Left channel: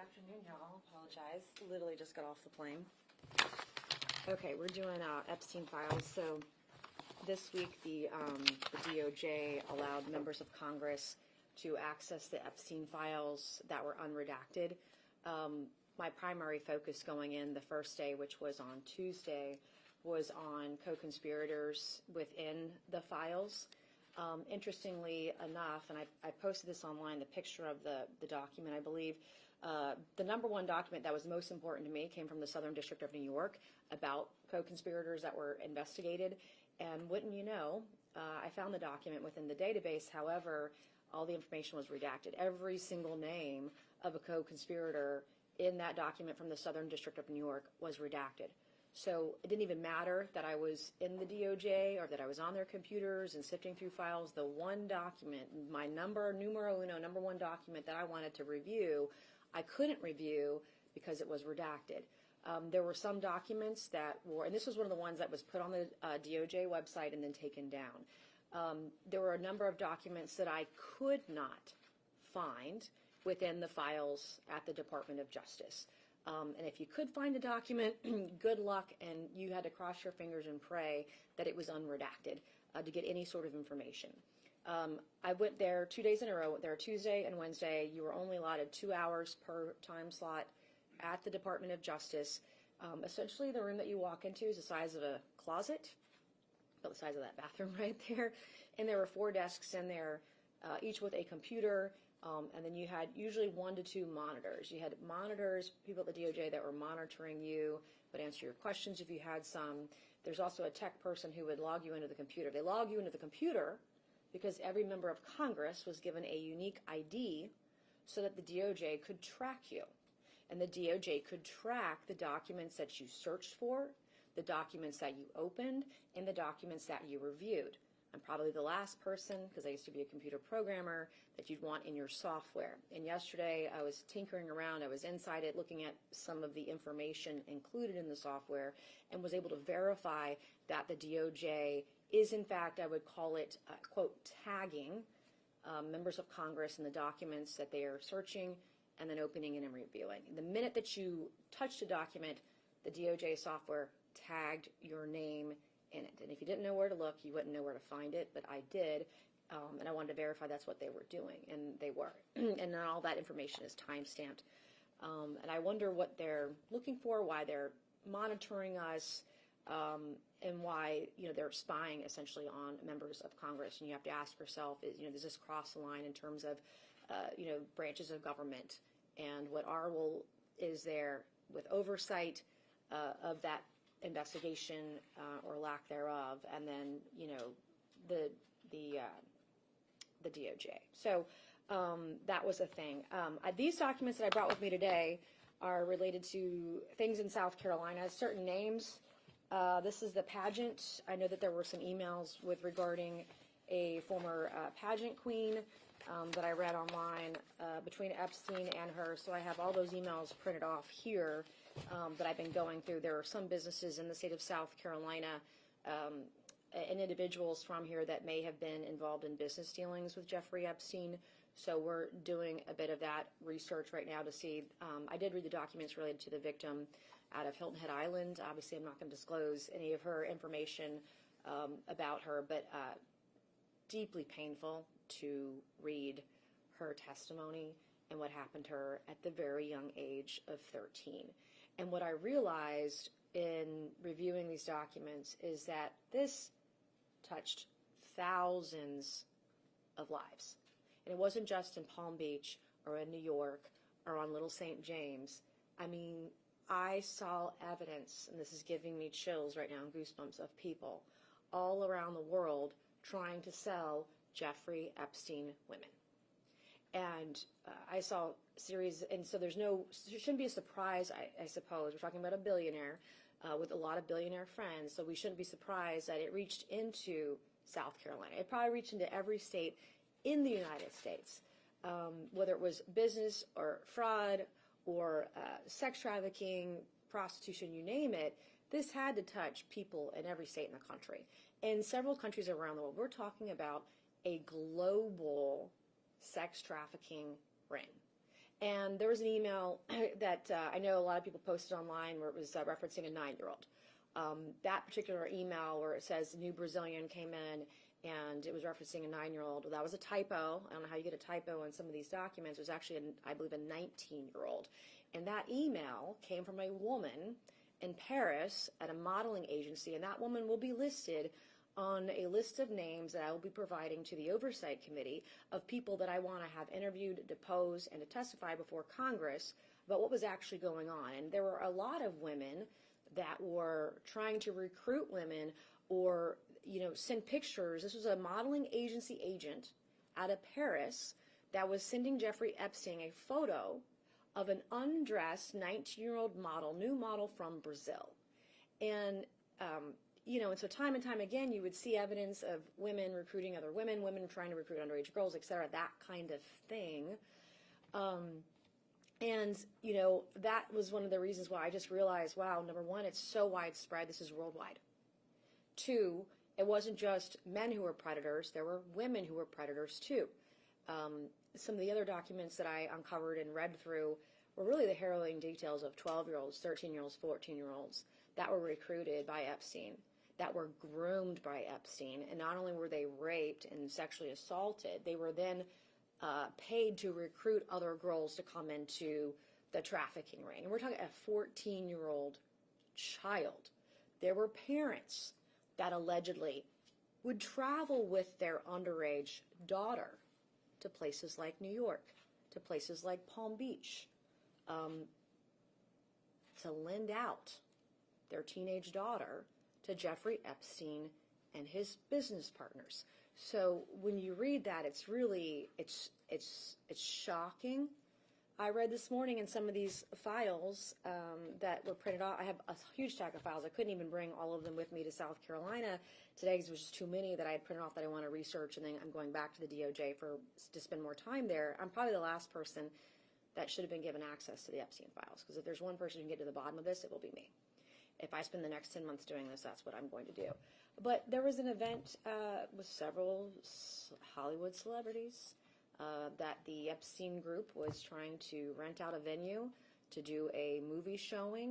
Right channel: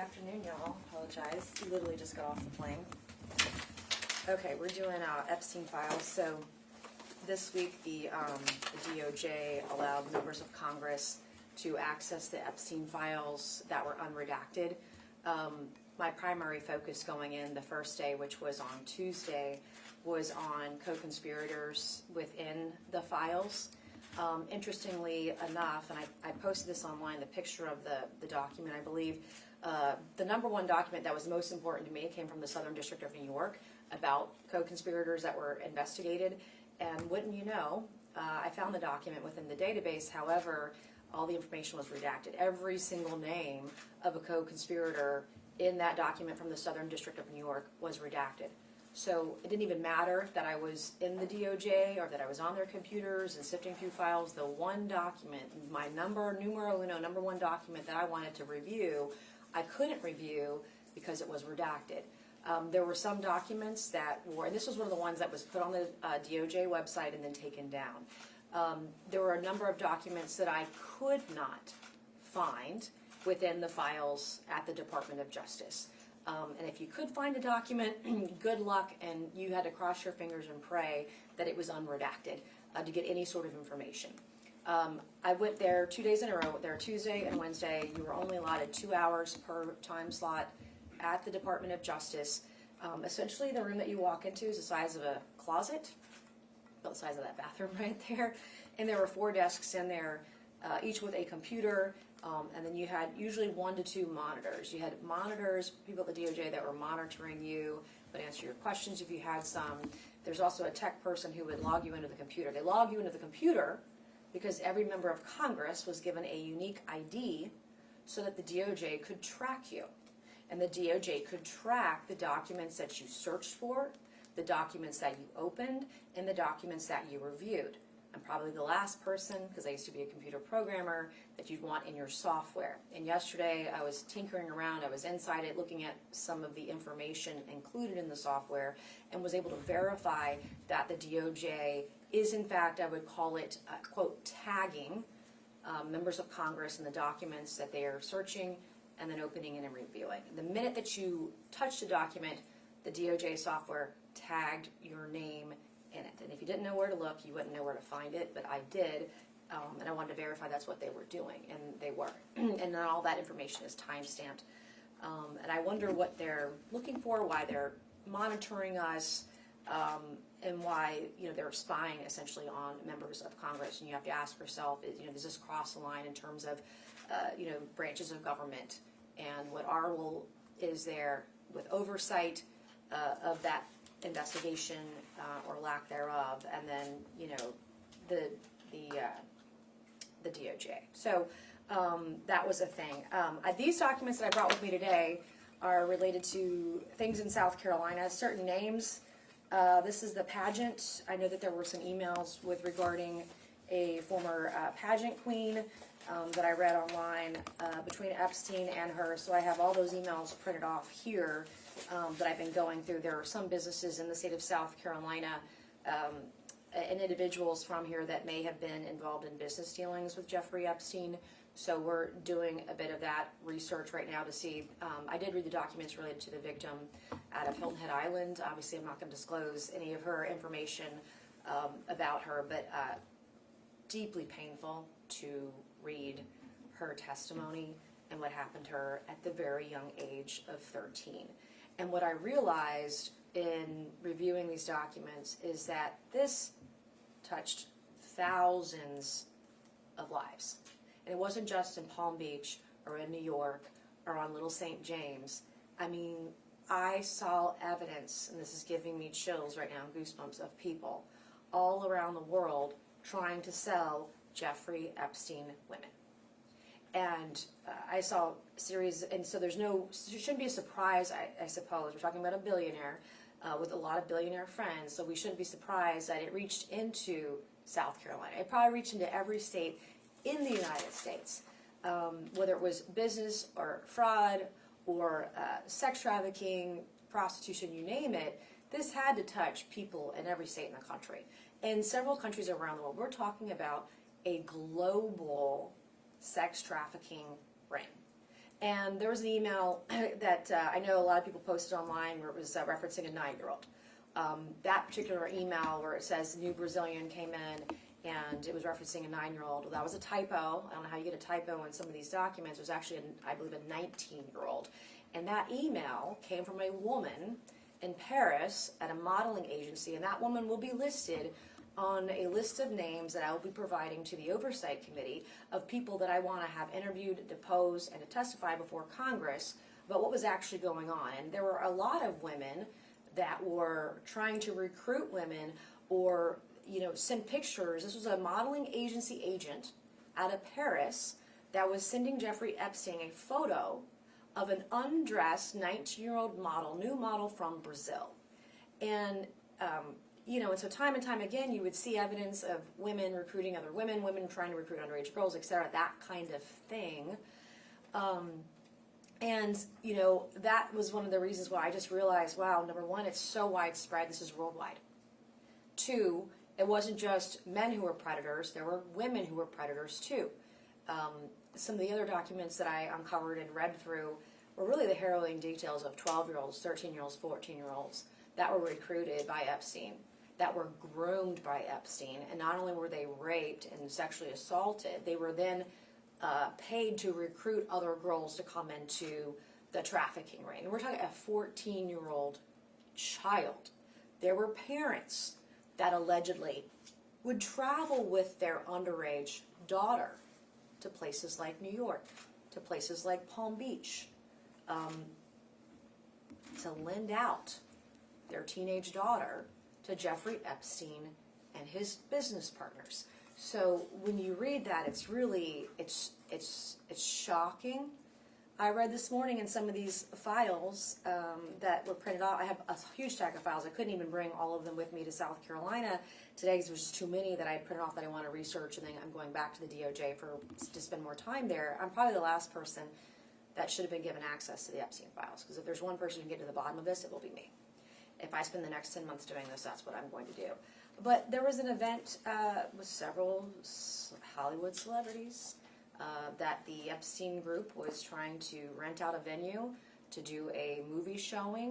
afternoon, y'all. Apologize. Literally just got off the plane. Okay, we're doing Epstein files. So this week the DOJ allowed members of Congress to access the Epstein files that were unredacted. My primary focus going in the first day, which was on Tuesday, was on co-conspirators within the files. Interestingly enough, and I posted this online, the picture of the document, I believe, the number one document that was most important to me came from the Southern District of New York about co-conspirators that were investigated. And wouldn't you know, I found the document within the database. However, all the information was redacted. Every single name of a co-conspirator in that document from the Southern District of New York was redacted. So it didn't even matter that I was in the DOJ or that I was on their computers and sifting through files. The one document, my numero uno, number one document that I wanted to review, I couldn't review because it was redacted. There were some documents that were, and this was one of the ones that was put on the DOJ website and then taken down. There were a number of documents that I could not find within the files at the Department of Justice. And if you could find a document, good luck, and you had to cross your fingers and pray that it was unredacted to get any sort of information. I went there 2 days in a row. There Tuesday and Wednesday. You were only allotted 2 hours per time slot at the Department of Justice. Essentially, the room that you walk into is the size of a closet, about the size of that bathroom right there. And there were 4 desks in there, each with a computer. And then you had usually 1 to 2 monitors. You had monitors, people at the DOJ that were monitoring you, would answer your questions if you had some. There's also a tech person who would log you into the computer. They log you into the computer because every member of Congress was given a unique ID so that the DOJ could track you. And the DOJ could track the documents that you searched for, the documents that you opened, and the documents that you reviewed. I'm probably the last person, because I used to be a computer programmer, that you'd want in your software. And yesterday I was tinkering around, I was inside it looking at some of the information included in the software and was able to verify that the DOJ is in fact, I would call it, quote, tagging members of Congress in the documents that they are searching and then opening and reviewing. The minute that you touched a document, the DOJ software tagged your name in it. And if you didn't know where to look, you wouldn't know where to find it, but I did, and I wanted to verify that's what they were doing, and they were. And then all that information is time-stamped. And I wonder what they're looking for, why they're monitoring us, and why they're spying essentially on members of Congress. And you have to ask yourself, does this cross the line in terms of branches of government, and what our role is there with oversight of that investigation or lack thereof, and then the DOJ. So that was a thing. These documents that I brought with me today are related to things in South Carolina, certain names. This is the pageant. I know that there were some emails regarding a former pageant queen that I read online between Epstein and her. So I have all those emails printed off here that I've been going through. There are some businesses in the state of South Carolina and individuals from here that may have been involved in business dealings with Jeffrey Epstein. So we're doing a bit of that research right now to see. I did read the documents related to the victim out of Hilton Head Island. Obviously, I'm not going to disclose any of her information about her, but deeply painful to read her testimony and what happened to her at the very young age of 13. And what I realized in reviewing these documents is that this touched thousands of lives. And it wasn't just in Palm Beach or in New York or on Little St. James. I mean, I saw evidence, and this is giving me chills right now, goosebumps, of people all around the world trying to sell Jeffrey Epstein women. And I saw a series, and so there shouldn't be a surprise, I suppose. We're talking about a billionaire with a lot of billionaire friends, so we shouldn't be surprised that it reached into South Carolina. It probably reached into every state in the United States, whether it was business or fraud or sex trafficking, prostitution, you name it. This had to touch people in every state in the country. In several countries around the world, we're talking about a global sex trafficking ring. And there was an email that I know a lot of people posted online where it was referencing a 9-year-old. That particular email where it says new Brazilian came in and it was referencing a 9-year-old. Well, that was a typo. I don't know how you get a typo in some of these documents. It was actually, I believe, a 19-year-old. And that email came from a woman in Paris at a modeling agency, and that woman will be listed on a list of names that I will be providing to the Oversight Committee of people that I want to have interviewed, depose, and to testify before Congress about what was actually going on. And there were a lot of women that were trying to recruit women or, send pictures. This was a modeling agency agent out of Paris that was sending Jeffrey Epstein a photo of an undressed 19-year-old model, new model from Brazil. And, and so time and time again, you would see evidence of women recruiting other women, women trying to recruit underage girls, etc., that kind of thing. That was one of the reasons why I just realized, wow, number one, it's so widespread, this is worldwide. Two, it wasn't just men who were predators, there were women who were predators too. Some of the other documents that I uncovered and read through were really the harrowing details of 12-year-olds, 13-year-olds, 14-year-olds that were recruited by Epstein, that were groomed by Epstein, and not only were they raped and sexually assaulted, they were then paid to recruit other girls to come into the trafficking ring. And we're talking a 14-year-old child. There were parents that allegedly would travel with their underage daughter to places like New York, to places like Palm Beach, to lend out their teenage daughter to Jeffrey Epstein and his business partners. So when you read that, it's really, it's shocking. I read this morning in some of these files that were printed out. I have a huge stack of files. I couldn't even bring all of them with me to South Carolina today because there was just too many that I had printed off that I want to research, and then I'm going back to the DOJ to spend more time there. I'm probably the last person that should have been given access to the Epstein files, because if there's one person who can get to the bottom of this, it will be me. If I spend the next 10 months doing this, that's what I'm going to do. But there was an event with several Hollywood celebrities that the Epstein group was trying to rent out a venue to do a movie showing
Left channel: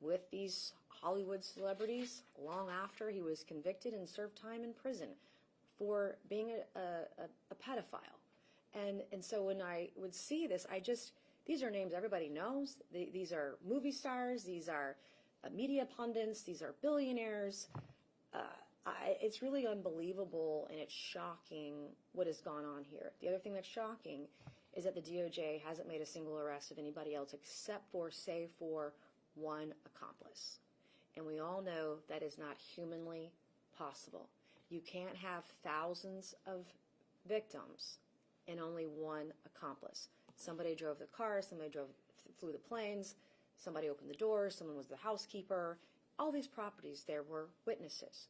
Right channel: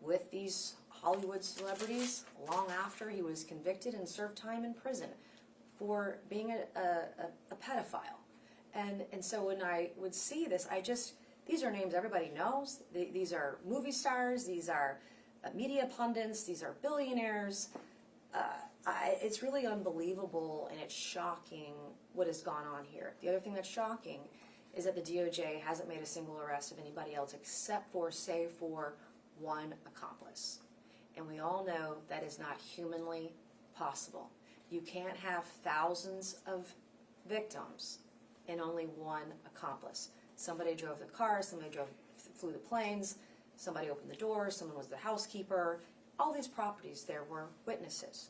with these Hollywood celebrities long after he was convicted and served time in prison for being a pedophile. And so when I would see this, these are names everybody knows. These are movie stars, these are media pundits, these are billionaires. It's really unbelievable, and it's shocking what has gone on here. The other thing that's shocking is that the DOJ hasn't made a single arrest of anybody else except for, save for, one accomplice. And we all know that is not humanly possible. You can't have thousands of victims and only one accomplice. Somebody drove the car, somebody flew the planes, somebody opened the doors, someone was the housekeeper. All these properties, there were witnesses.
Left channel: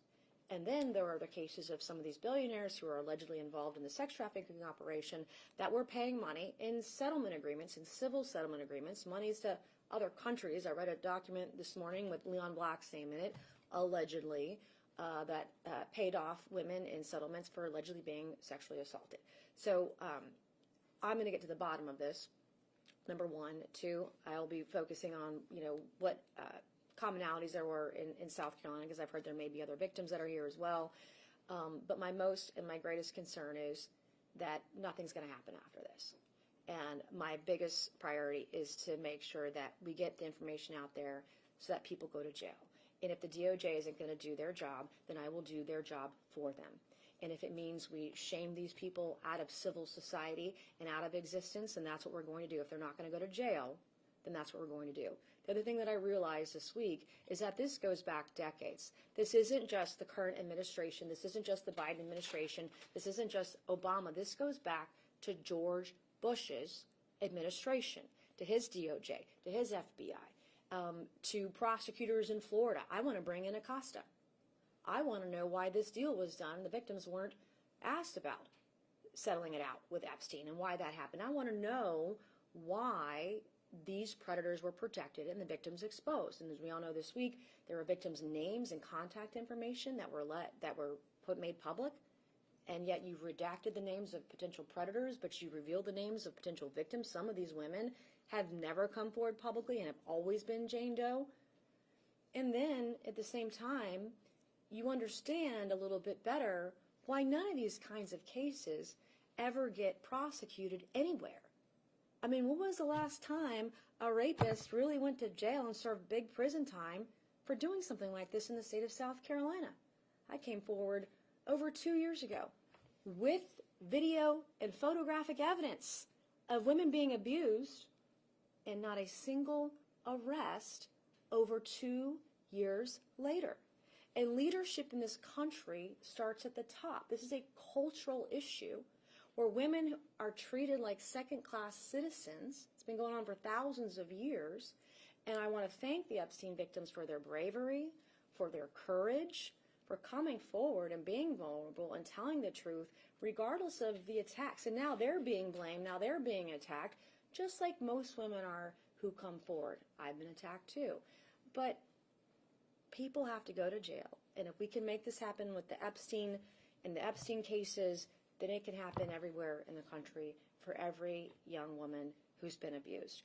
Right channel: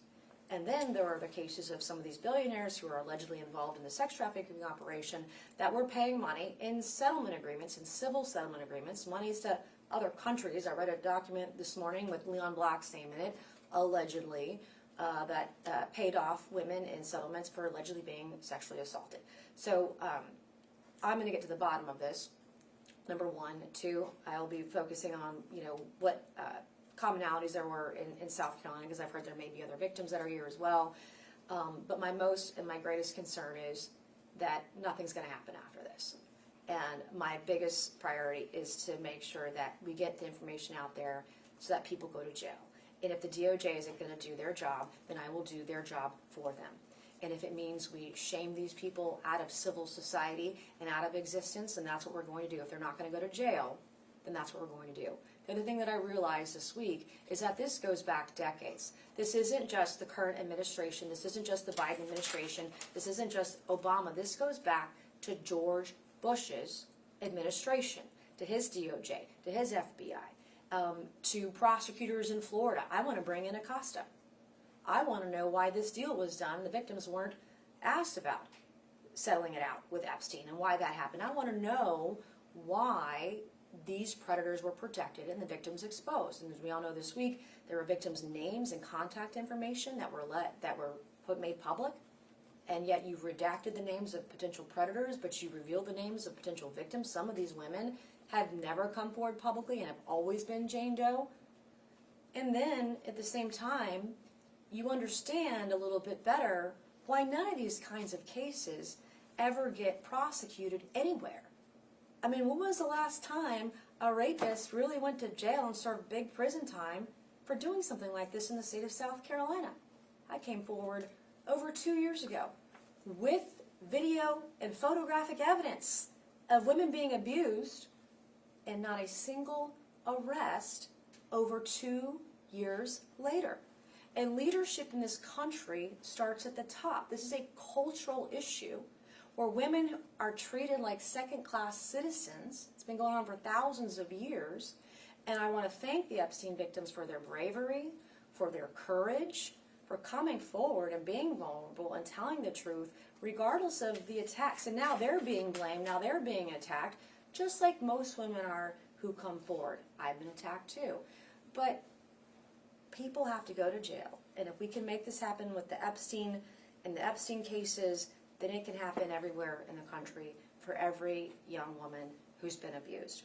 And then there are the cases of some of these billionaires who are allegedly involved in the sex trafficking operation that were paying money in settlement agreements, in civil settlement agreements, monies to other countries. I read a document this morning with Leon Black's name in it, allegedly, that paid off women in settlements for allegedly being sexually assaulted. So I'm going to get to the bottom of this. Number one. Two, I'll be focusing on, what commonalities there were in South Carolina, because I've heard there may be other victims that are here as well. But my most and my greatest concern is that nothing's going to happen after this. And my biggest priority is to make sure that we get the information out there so that people go to jail. And if the DOJ isn't going to do their job, then I will do their job for them. And if it means we shame these people out of civil society and out of existence, then that's what we're going to do. If they're not going to go to jail, then that's what we're going to do. The other thing that I realized this week is that this goes back decades. This isn't just the current administration. This isn't just the Biden administration. This isn't just Obama. This goes back to George Bush's administration, to his DOJ, to his FBI, to prosecutors in Florida. I want to bring in Acosta. I want to know why this deal was done. The victims weren't asked about settling it out with Epstein and why that happened. I want to know why these predators were protected and the victims exposed. And as we all know this week, there were victims' names and contact information that were made public. and yet you've redacted the names of potential predators, but you revealed the names of potential victims. Some of these women have never come forward publicly and have always been Jane Doe. And then, at the same time, you understand a little bit better why none of these kinds of cases ever get prosecuted anywhere. I mean, when was the last time a rapist really went to jail and served big prison time for doing something like this in the state of South Carolina? I came forward over 2 years ago with video and photographic evidence of women being abused, and not a single arrest over 2 years later. And leadership in this country starts at the top. This is a cultural issue where women are treated like second-class citizens. It's been going on for thousands of years. And I want to thank the Epstein victims for their bravery, for their courage, for coming forward and being vulnerable and telling the truth, regardless of the attacks. And now they're being blamed, now they're being attacked, just like most women are who come forward. I've been attacked too. But people have to go to jail. And if we can make this happen with the Epstein and the Epstein cases, then it can happen everywhere in the country for every young woman who's been abused.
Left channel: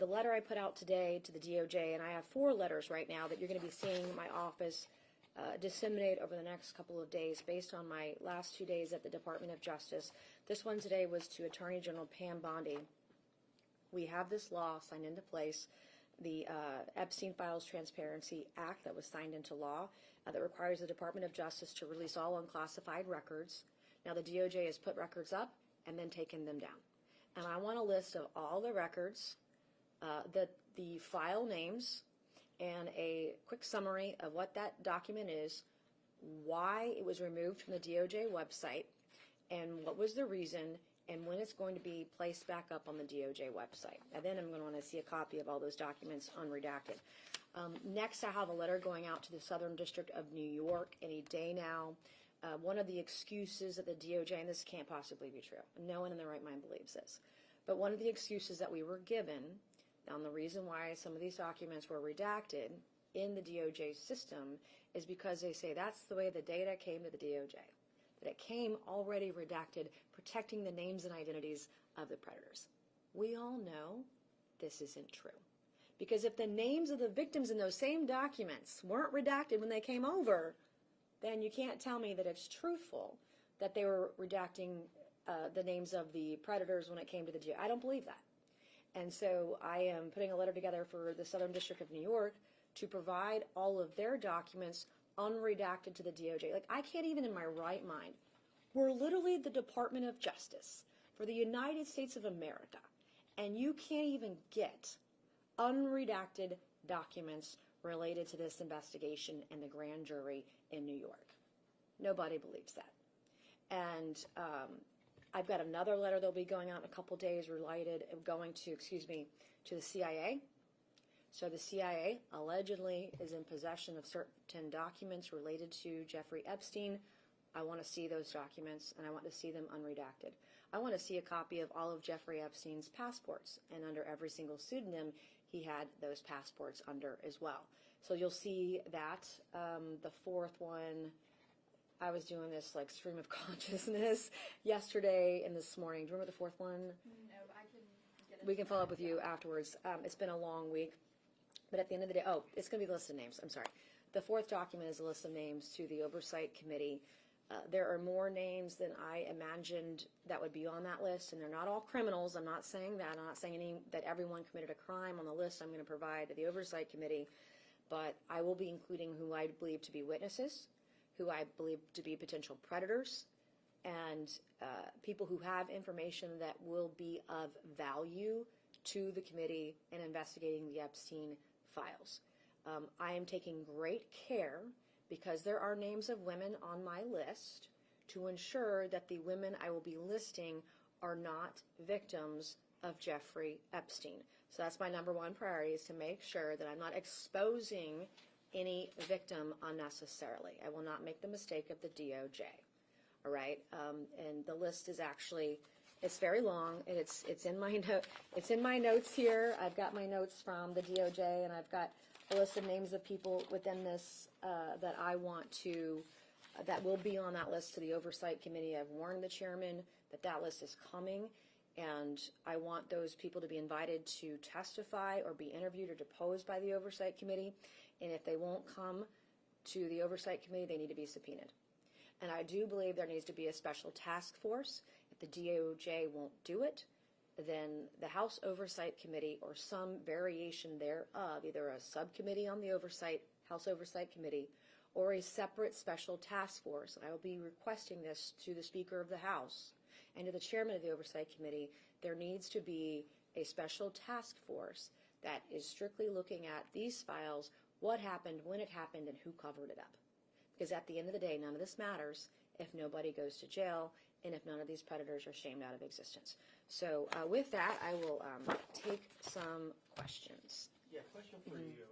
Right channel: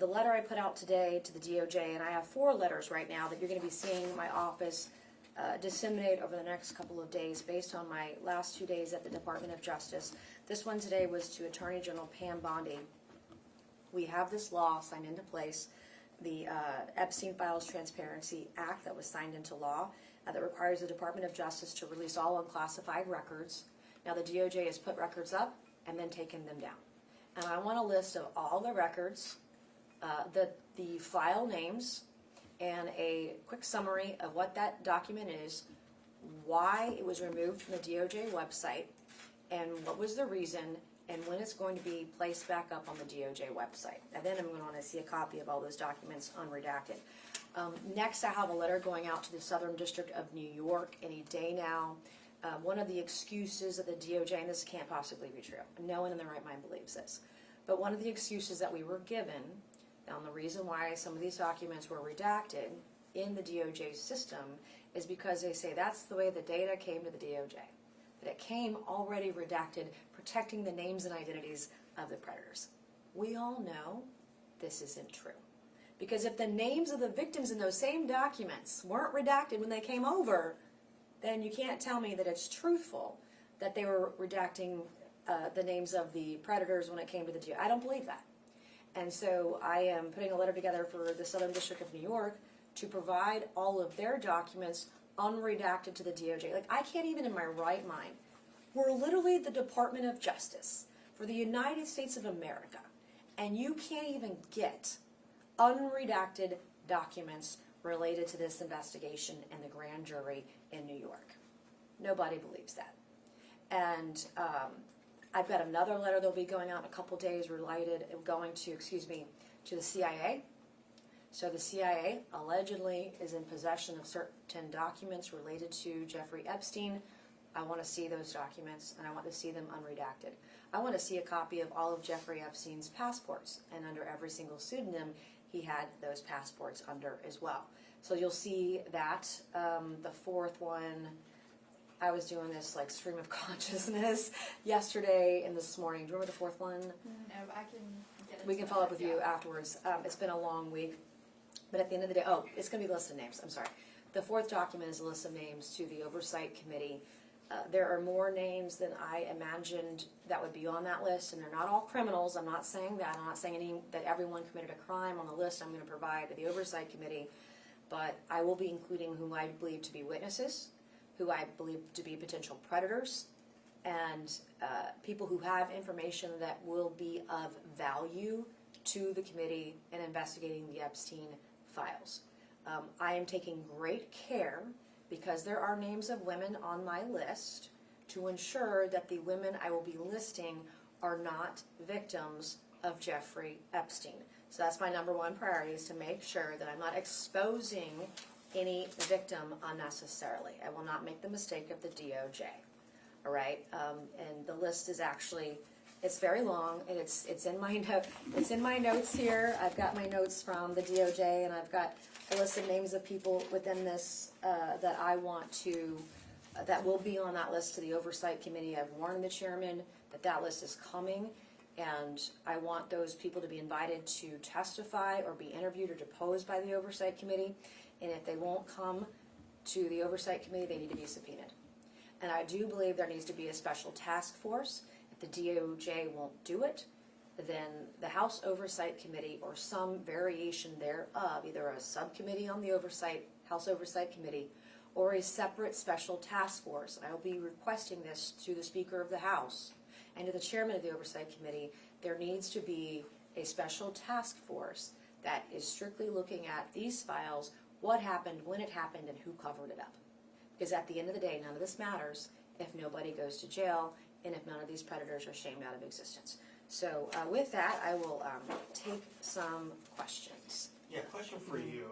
The letter I put out today to the DOJ, and I have 4 letters right now that you're going to be seeing in my office disseminate over the next couple of days based on my last 2 days at the Department of Justice. This one today was to Attorney General Pam Bondi. We have this law signed into place, the Epstein Files Transparency Act that was signed into law that requires the Department of Justice to release all unclassified records. Now the DOJ has put records up and then taken them down. And I want a list of all the records, the file names, and a quick summary of what that document is, why it was removed from the DOJ website, and what was the reason, and when it's going to be placed back up on the DOJ website. And then I'm going to want to see a copy of all those documents unredacted. Next, I have a letter going out to the Southern District of New York any day now. One of the excuses of the DOJ, and this can't possibly be true, no one in their right mind believes this, but one of the excuses that we were given, and the reason why some of these documents were redacted in the DOJ system is because they say that's the way the data came to the DOJ, that it came already redacted, protecting the names and identities of the predators. We all know this isn't true. Because if the names of the victims in those same documents weren't redacted when they came over, then you can't tell me that it's truthful that they were redacting the names of the predators when it came to the DOJ. I don't believe that. And so I am putting a letter together for the Southern District of New York to provide all of their documents unredacted to the DOJ. Like, I can't even in my right mind. We're literally the Department of Justice for the United States of America, and you can't even get unredacted documents related to this investigation and the grand jury in New York. Nobody believes that. And I've got another letter that'll be going out in a couple days to the CIA. So the CIA allegedly is in possession of certain documents related to Jeffrey Epstein. I want to see those documents, and I want to see them unredacted. I want to see a copy of all of Jeffrey Epstein's passports, and under every single pseudonym, he had those passports under as well. So you'll see that. The fourth one, I was doing this like stream of consciousness yesterday and this morning. Do you remember the fourth one? No, I can get it. We can follow up with you afterwards. It's been a long week. But at the end of the day, it's going to be a list of names. I'm sorry. The fourth document is a list of names to the Oversight Committee. There are more names than I imagined that would be on that list, and they're not all criminals. I'm not saying that. I'm not saying that everyone committed a crime on the list I'm going to provide to the Oversight Committee, but I will be including who I believe to be witnesses, who I believe to be potential predators, and people who have information that will be of value to the committee in investigating the Epstein files. I am taking great care, because there are names of women on my list, to ensure that the women I will be listing are not victims of Jeffrey Epstein. So that's my number one priority, is to make sure that I'm not exposing any victim unnecessarily. I will not make the mistake of the DOJ. All right, and the list is actually, it's very long, and it's in my notes here. I've got my notes from the DOJ, and I've got a list of names of people within this that I want to that will be on that list to the Oversight Committee. I've warned the chairman that that list is coming, and I want those people to be invited to testify or be interviewed or deposed by the Oversight Committee. And if they won't come to the Oversight Committee, they need to be subpoenaed. And I do believe there needs to be a special task force. If the DOJ won't do it, then the House Oversight Committee or some variation thereof, either a subcommittee on the House Oversight Committee, or a separate special task force. I will be requesting this to the Speaker of the House and to the Chairman of the Oversight Committee. There needs to be a special task force that is strictly looking at these files, what happened, when it happened, and who covered it up. Because at the end of the day, none of this matters if nobody goes to jail and if none of these predators are shamed out of existence. So with that, I will take some questions. Yeah, question for you.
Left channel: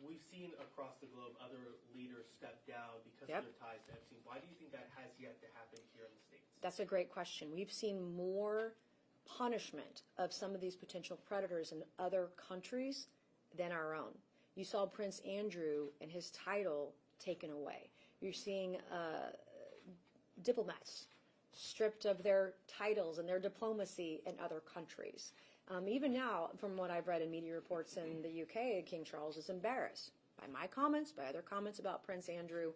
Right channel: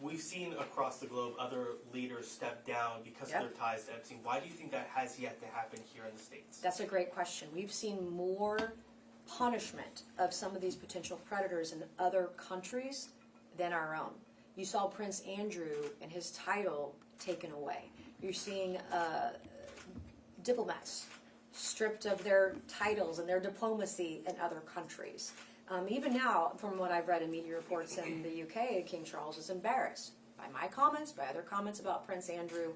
We've seen across the globe other leaders step down because of their ties to Epstein. Why do you think that has yet to happen here in the States? That's a great question. We've seen more punishment of some of these potential predators in other countries than our own. You saw Prince Andrew and his title taken away. You're seeing diplomats stripped of their titles and their diplomacy in other countries. Even now, from what I've read in media reports in the UK, King Charles is embarrassed by my comments, by other comments about Prince Andrew.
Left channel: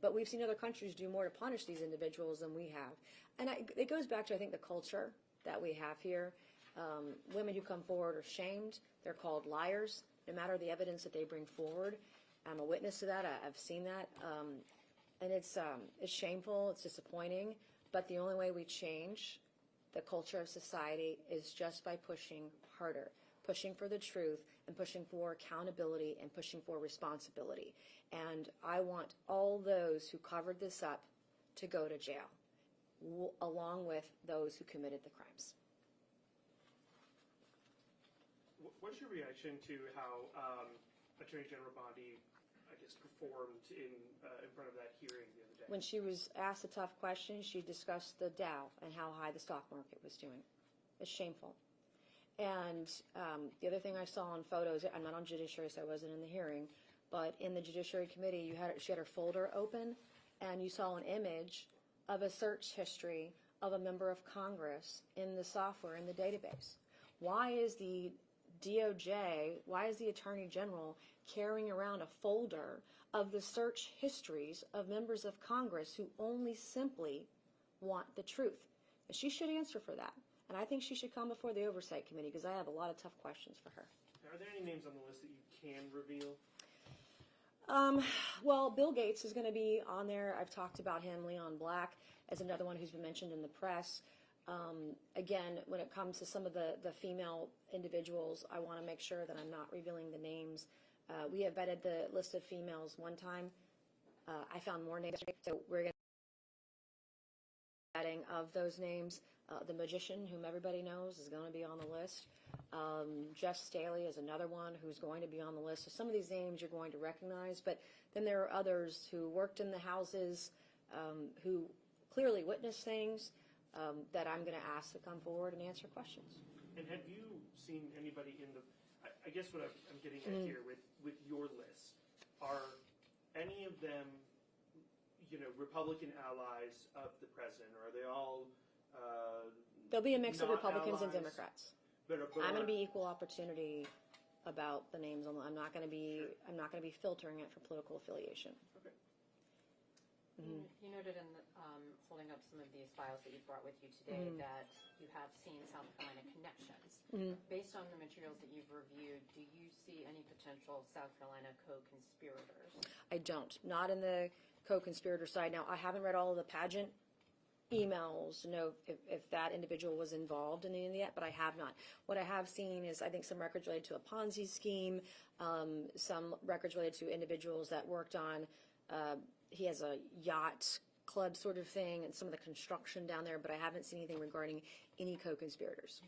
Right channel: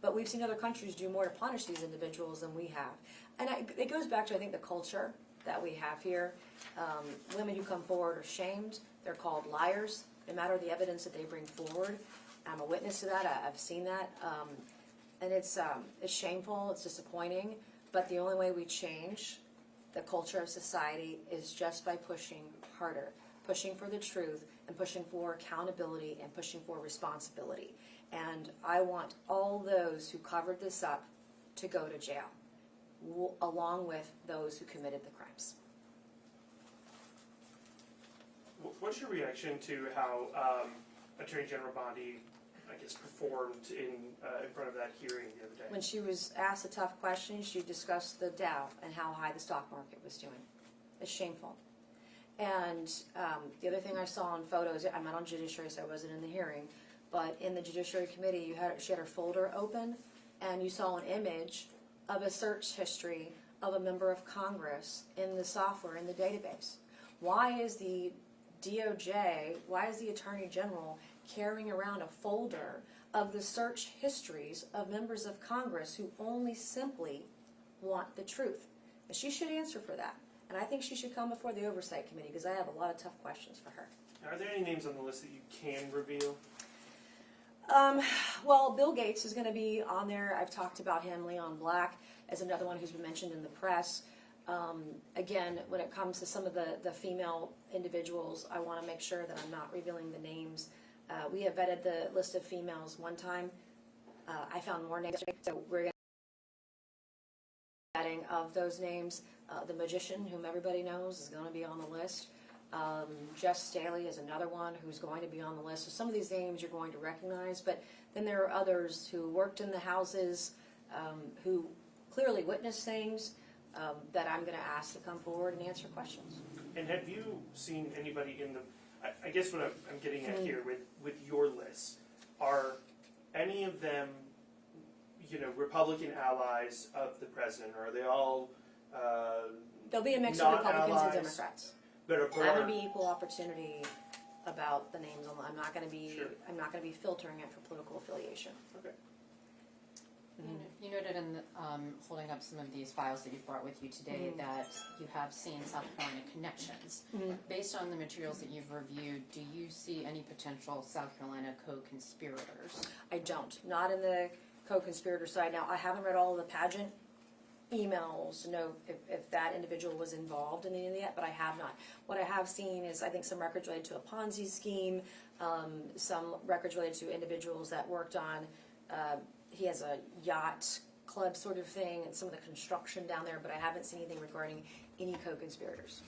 But we've seen other countries do more to punish these individuals than we have. And it goes back to, I think, the culture that we have here. Women who come forward are shamed. They're called liars, no matter the evidence that they bring forward. I'm a witness to that. I've seen that. And it's shameful. It's disappointing. But the only way we change the culture of society is just by pushing harder, pushing for the truth, and pushing for accountability, and pushing for responsibility. And I want all those who covered this up to go to jail, along with those who committed the crimes. What's your reaction to how Attorney General Bondi, I guess, performed in front of that hearing the other day? When she was asked a tough question, she discussed the Dow and how high the stock market was doing. It's shameful. And the other thing I saw in photos, I'm not on Judiciary, so I wasn't in the hearing, but in the Judiciary Committee, she had her folder open, and you saw an image of a search history of a member of Congress in the software, in the database. Why is the DOJ, why is the Attorney General carrying around a folder of the search histories of members of Congress who only simply want the truth? And she should answer for that. And I think she should come before the Oversight Committee, because I have a lot of tough questions for her. Are there any names on the list that you can reveal? Well, Bill Gates is going to be on there. I've talked about him. Leon Black is another one who's been mentioned in the press. Again, when it comes to some of the female individuals, I want to make sure that I'm not revealing the names. We have vetted the list of females one time. I found more names, so we're going to be vetting of those names. The magician, whom everybody knows, is going to be on the list. Jeff Staley is another one who's going to be on the list. So some of these names you're going to recognize, but then there are others who worked in the houses, who clearly witnessed things, that I'm going to ask to come forward and answer questions. And have you seen anybody in the, I guess what I'm getting at here with your list, are any of them, Republican allies of the president, or are they all There'll be a mix of Republicans allies, and Democrats. But I'm going to be equal opportunity about the names. I'm not going to be. Sure. I'm not going to be filtering it for political affiliation. Okay. You noted in holding up some of these files that you've brought with you today that you have seen South Carolina connections. Based on the materials that you've reviewed, do you see any potential South Carolina co-conspirators? I don't. Not in the co-conspirator side. Now, I haven't read all of the pageant emails to know if that individual was involved in any of that, but I have not. What I have seen is, I think, some records related to a Ponzi scheme, some records related to individuals that worked on, he has a yacht club sort of thing, and some of the construction down there, but I haven't seen anything regarding any co-conspirators.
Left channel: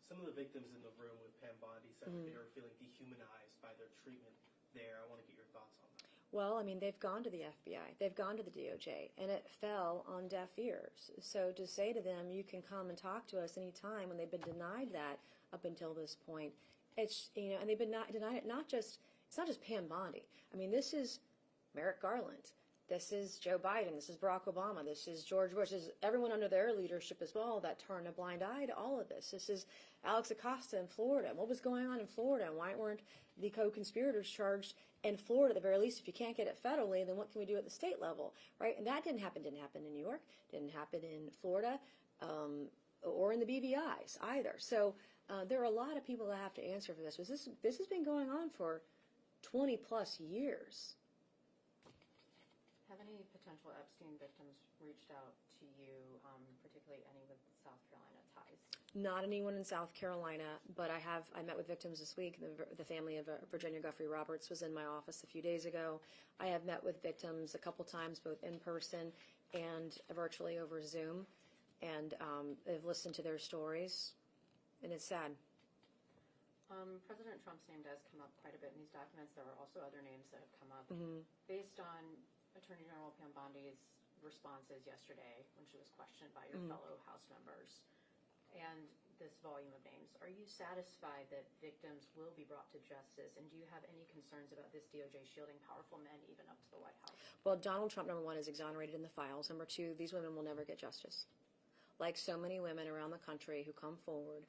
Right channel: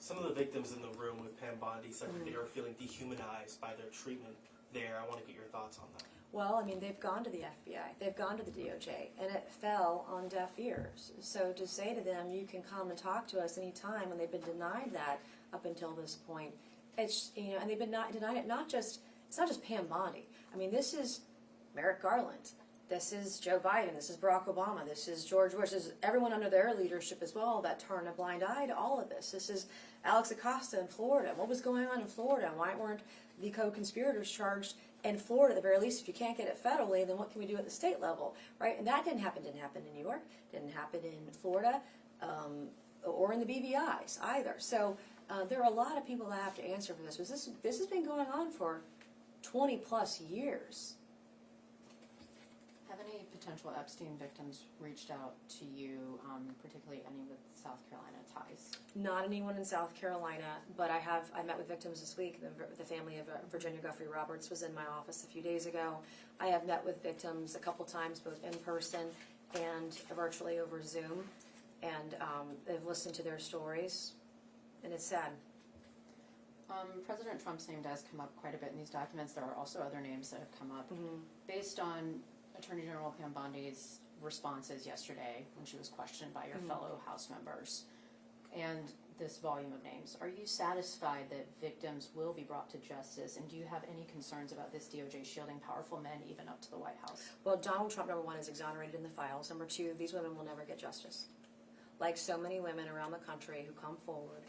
Some of the victims in the room with Pam Bondi said that they were feeling dehumanized by their treatment there. I want to get your thoughts on that. Well, I mean, they've gone to the FBI, they've gone to the DOJ, and it fell on deaf ears. So to say to them, you can come and talk to us anytime, when they've been denied that up until this point, it's, and they've been denied it, it's not just Pam Bondi. I mean, this is Merrick Garland. This is Joe Biden. This is Barack Obama. This is George Bush. This is everyone under their leadership as well that turned a blind eye to all of this. This is Alex Acosta in Florida. What was going on in Florida? And why weren't the co-conspirators charged in Florida at the very least? If you can't get it federally, then what can we do at the state level, right? And that didn't happen in New York, didn't happen in Florida, or in the BVIs either. So there are a lot of people that have to answer for this. But this has been going on for 20 plus years. Have any potential Epstein victims reached out to you, particularly any with South Carolina ties? Not anyone in South Carolina, but I met with victims this week. The family of Virginia Guffey Roberts was in my office a few days ago. I have met with victims a couple times, both in person and virtually over Zoom, and I've listened to their stories, and it's sad. President Trump's name does come up quite a bit in these documents. There are also other names that have come up. Based on Attorney General Pam Bondi's responses yesterday when she was questioned by your fellow House members, and this volume of names, are you satisfied that victims will be brought to justice, and do you have any concerns about this DOJ shielding powerful men even up to the White House? Well, Donald Trump, number one, is exonerated in the files. Number two, these women will never get justice. Like so many women around the country who come forward,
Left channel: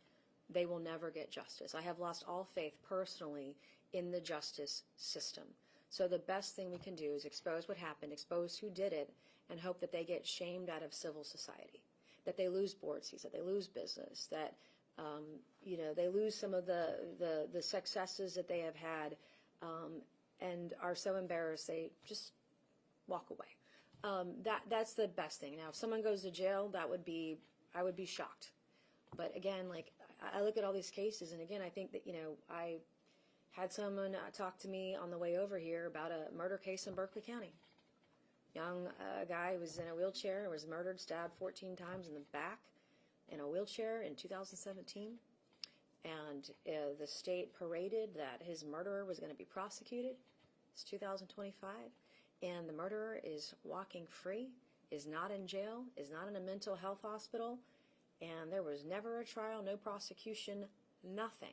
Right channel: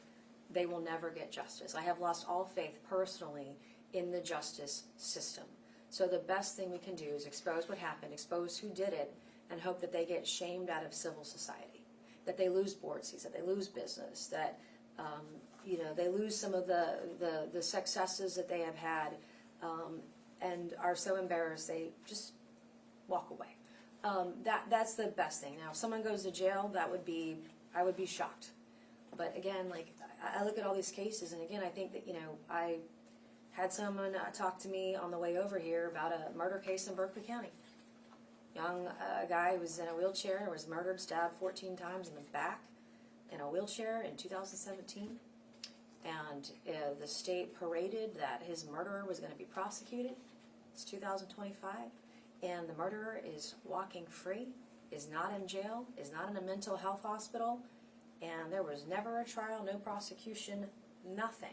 they will never get justice. I have lost all faith personally in the justice system. So the best thing we can do is expose what happened, expose who did it, and hope that they get shamed out of civil society, that they lose board seats, that they lose business, that they lose some of the successes that they have had, and are so embarrassed they just walk away. That's the best thing. Now, if someone goes to jail, I would be shocked. But again, like, I look at all these cases, and again, I think that, I had someone talk to me on the way over here about a murder case in Berkeley County. Young guy was in a wheelchair, was murdered, stabbed 14 times in the back in a wheelchair in 2017. And the state paraded that his murderer was going to be prosecuted. It's 2025. And the murderer is walking free, is not in jail, is not in a mental health hospital. And there was never a trial, no prosecution, nothing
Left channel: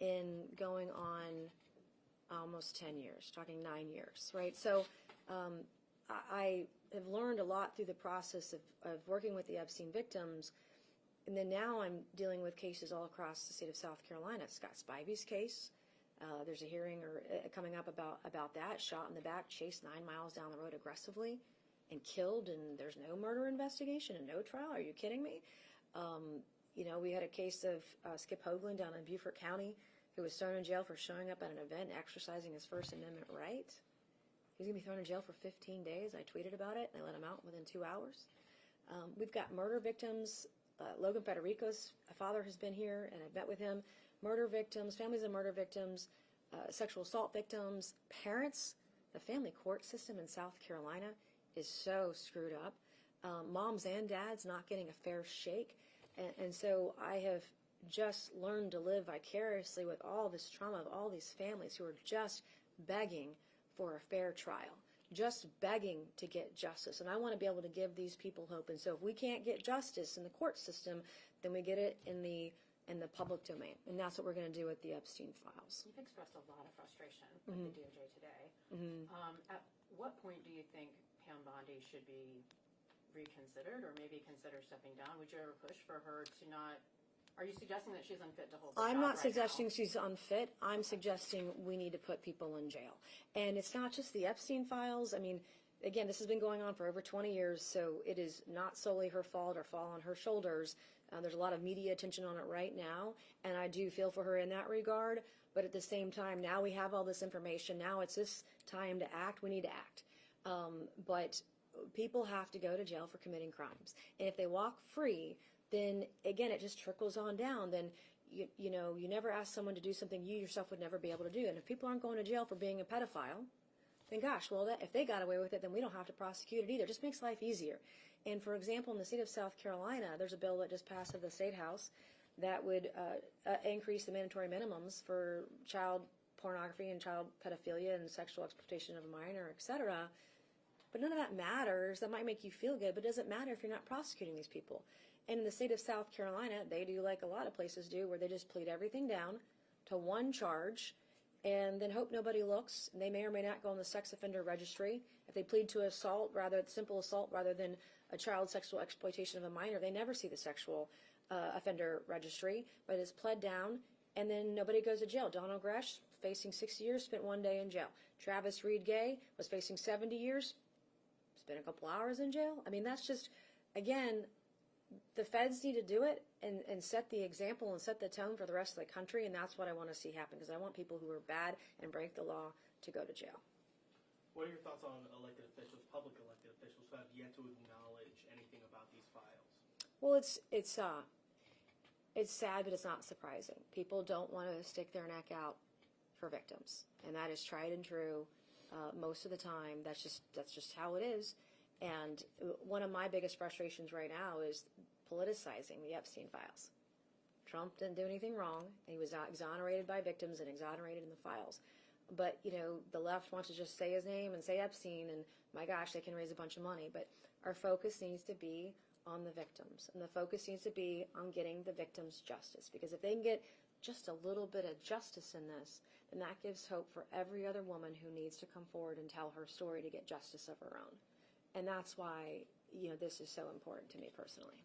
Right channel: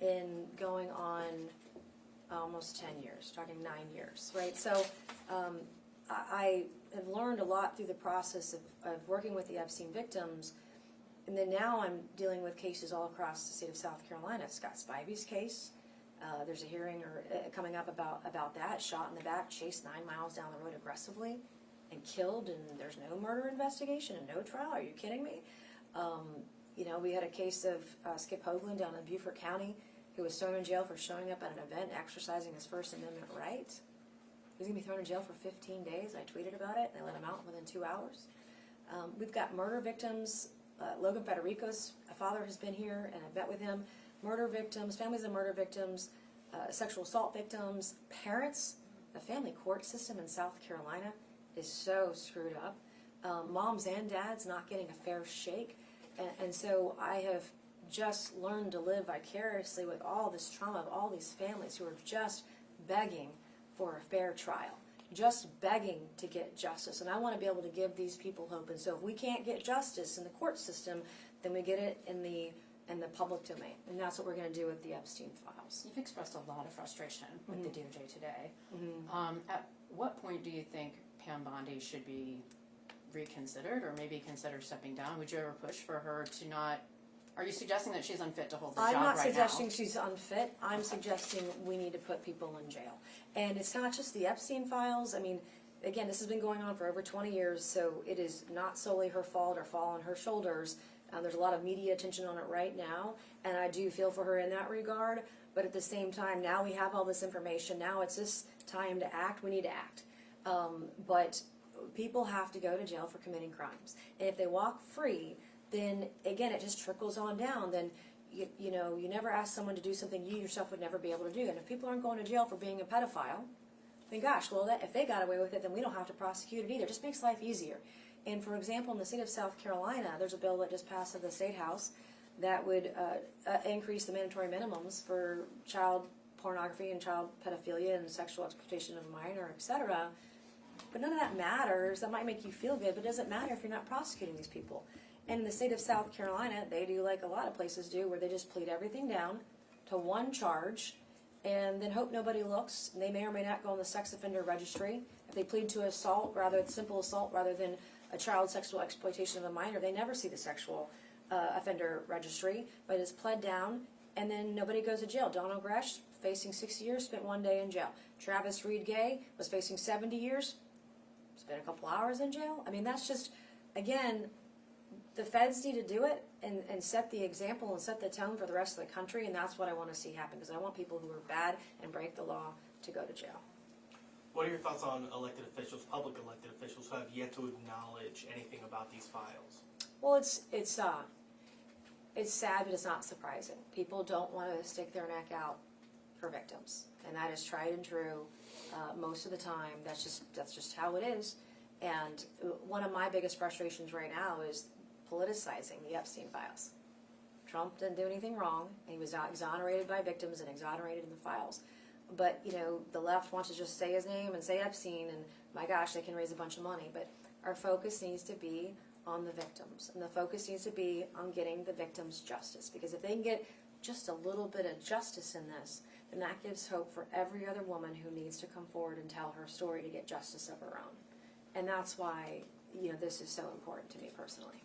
in going on almost 10 years, starting 9 years, right? So I have learned a lot through the process of working with the Epstein victims, and then now I'm dealing with cases all across the state of South Carolina. Scott Spivey's case, there's a hearing coming up about that, shot in the back, chased 9 miles down the road aggressively, and killed, and there's no murder investigation and no trial. Are you kidding me? We had a case of Skip Hoagland down in Beaufort County who was thrown in jail for showing up at an event exercising his First Amendment right. He was going to be thrown in jail for 15 days. I tweeted about it. They let him out within 2 hours. We've got murder victims. Logan Federico's father has been here, and I've met with him. Murder victims, families of murder victims, sexual assault victims, parents. The family court system in South Carolina is so screwed up. Moms and dads not getting a fair shake. And so I have just learned to live vicariously with all this trauma of all these families who are just begging for a fair trial, just begging to get justice. And I want to be able to give these people hope. And so if we can't get justice in the court system, then we get it in the public domain. And that's what we're going to do with the Epstein files. You've expressed a lot of frustration with the DOJ today. At what point do you think Pam Bondi should be reconsidered, or maybe consider stepping down? Would you ever push for her to not? Are you suggesting that she's unfit to hold the job right now? I'm not suggesting she's unfit. I'm suggesting we need to put people in jail. And it's not just the Epstein files. I mean, again, this has been going on for over 20 years, so it is not solely her fault or fall on her shoulders. There's a lot of media attention on it right now, and I do feel for her in that regard. But at the same time, now we have all this information. Now it's this time to act. We need to act. But people have to go to jail for committing crimes. And if they walk free, then again, it just trickles on down. Then, you never ask someone to do something you yourself would never be able to do. And if people aren't going to jail for being a pedophile, then gosh, well, if they got away with it, then we don't have to prosecute it either. It just makes life easier. And for example, in the state of South Carolina, there's a bill that just passed at the State House that would increase the mandatory minimums for child pornography and child pedophilia and sexual exploitation of a minor, etc. But none of that matters. That might make you feel good, but it doesn't matter if you're not prosecuting these people. And in the state of South Carolina, they do like a lot of places do, where they just plead everything down to one charge, and then hope nobody looks. And they may or may not go on the sex offender registry. If they plead to assault, simple assault rather than a child sexual exploitation of a minor, they never see the sexual offender registry, but it's pled down, and then nobody goes to jail. Donald Gresh, facing 6 years, spent 1 day in jail. Travis Reed Gay was facing 70 years, spent a couple hours in jail. I mean, that's just, again, the feds need to do it and set the example and set the tone for the rest of the country, and that's what I want to see happen, because I want people who are bad and break the law to go to jail. What are your thoughts on elected officials, public elected officials, who have yet to acknowledge anything about these files? Well, it's sad, but it's not surprising. People don't want to stick their neck out for victims, and that is tried and true most of the time. That's just how it is. And one of my biggest frustrations right now is politicizing the Epstein files. Trump didn't do anything wrong, and he was not exonerated by victims and exonerated in the files. But, you know, the left wants to just say his name and say Epstein, and my gosh, they can raise a bunch of money. But our focus needs to be on the victims, and the focus needs to be on getting the victims justice. Because if they can get just a little bit of justice in this, then that gives hope for every other woman who needs to come forward and tell her story to get justice of her own. And that's why, you know, this is so important to me personally.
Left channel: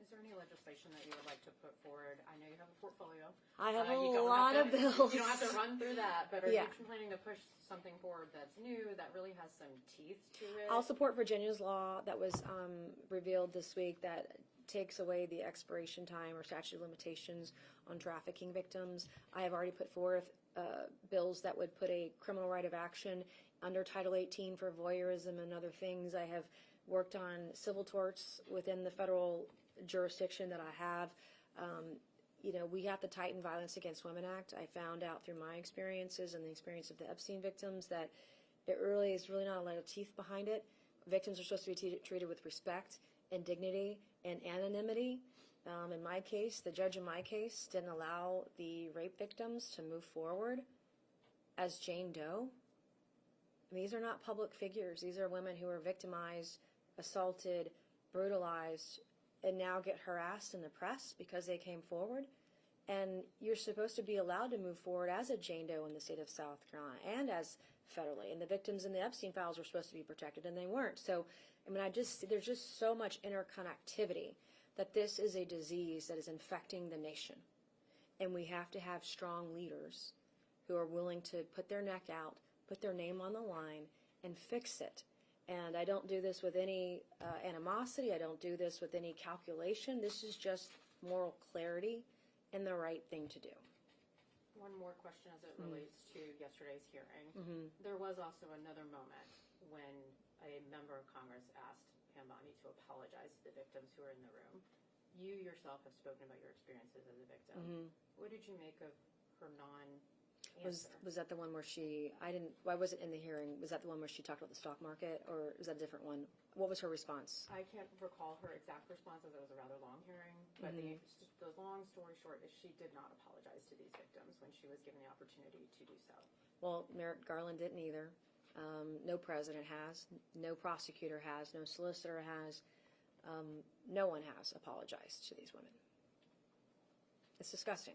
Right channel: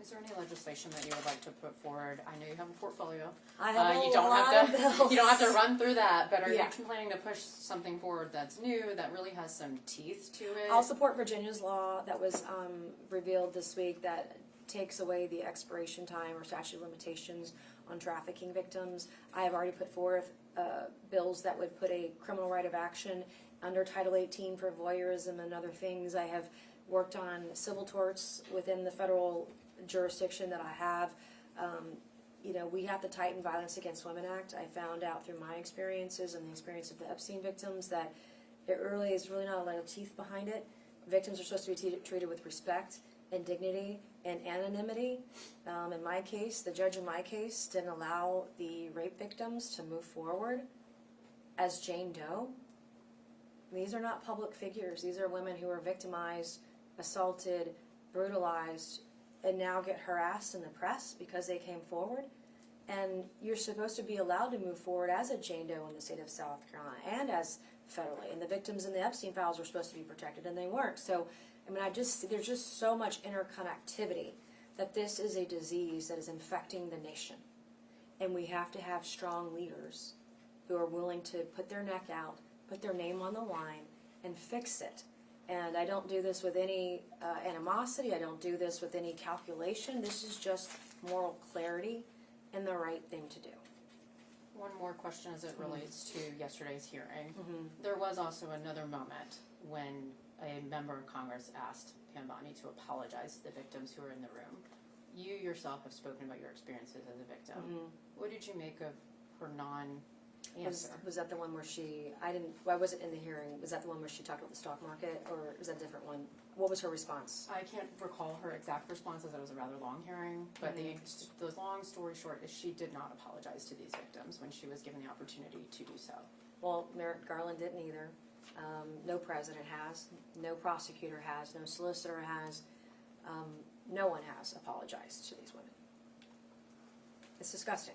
Is there any legislation that you would like to put forward? I know you have a portfolio. I have You a don't lot have of to. bills. You don't have to run through that. But are Yeah. you planning to push something forward that's new, that really has some teeth to it? I'll support Virginia's law that was revealed this week that takes away the expiration time or statute of limitations on trafficking victims. I have already put forth bills that would put a criminal right of action under Title 18 for voyeurism and other things. I have worked on civil torts within the federal jurisdiction that I have. You know, we have the Tighten Violence Against Women Act. I found out through my experiences and the experience of the Epstein victims that it really is really not a lot of teeth behind it. Victims are supposed to be treated with respect and dignity and anonymity. In my case, the judge in my case didn't allow the rape victims to move forward as Jane Doe. These are not public figures. These are women who are victimized, assaulted, brutalized, and now get harassed in the press because they came forward. And you're supposed to be allowed to move forward as a Jane Doe in the state of South Carolina and as federally. And the victims in the Epstein files were supposed to be protected, and they weren't. So, I mean, there's just so much interconnectivity that this is a disease that is infecting the nation. And we have to have strong leaders who are willing to put their neck out, put their name on the line, and fix it. And I don't do this with any animosity. I don't do this with any calculation. This is just moral clarity and the right thing to do. One more question as it relates to yesterday's hearing. There was also another moment when a member of Congress asked Pam Bondi to apologize to the victims who were in the room. You yourself have spoken about your experiences as a victim. What did you make of her non-answer? Was that the one where why was it in the hearing? Was that the one where she talked about the stock market, or was that a different one? What was her response? I can't recall her exact responses. It was a rather long hearing, but the long story short is she did not apologize to these victims when she was given the opportunity to do so. Well, Merrick Garland didn't either. No president has. No prosecutor has. No solicitor has. No one has apologized to these women. It's disgusting.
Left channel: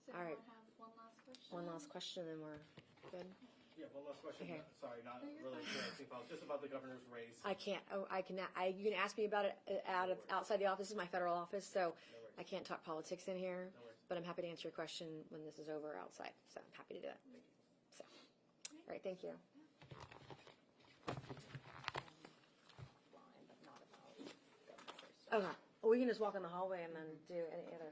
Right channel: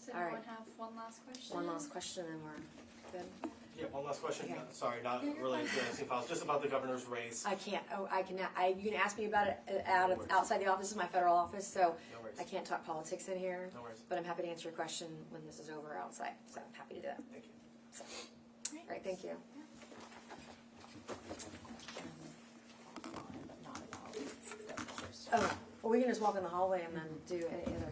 Does All anyone right. have one last question? One last question, and we're good. Yeah, one last question. Okay. Sorry, not related to the Epstein files, just about the governor's race. I can't. Oh, I cannot. You can ask me about it outside the office, my federal office. So No worries. I can't talk politics in here. No worries. But I'm happy to answer your question when this is over outside. So I'm happy to do that. Thank you. So, all right. Thank you. But not about demonstration. Oh, well, we can just walk in the hallway and then do any other.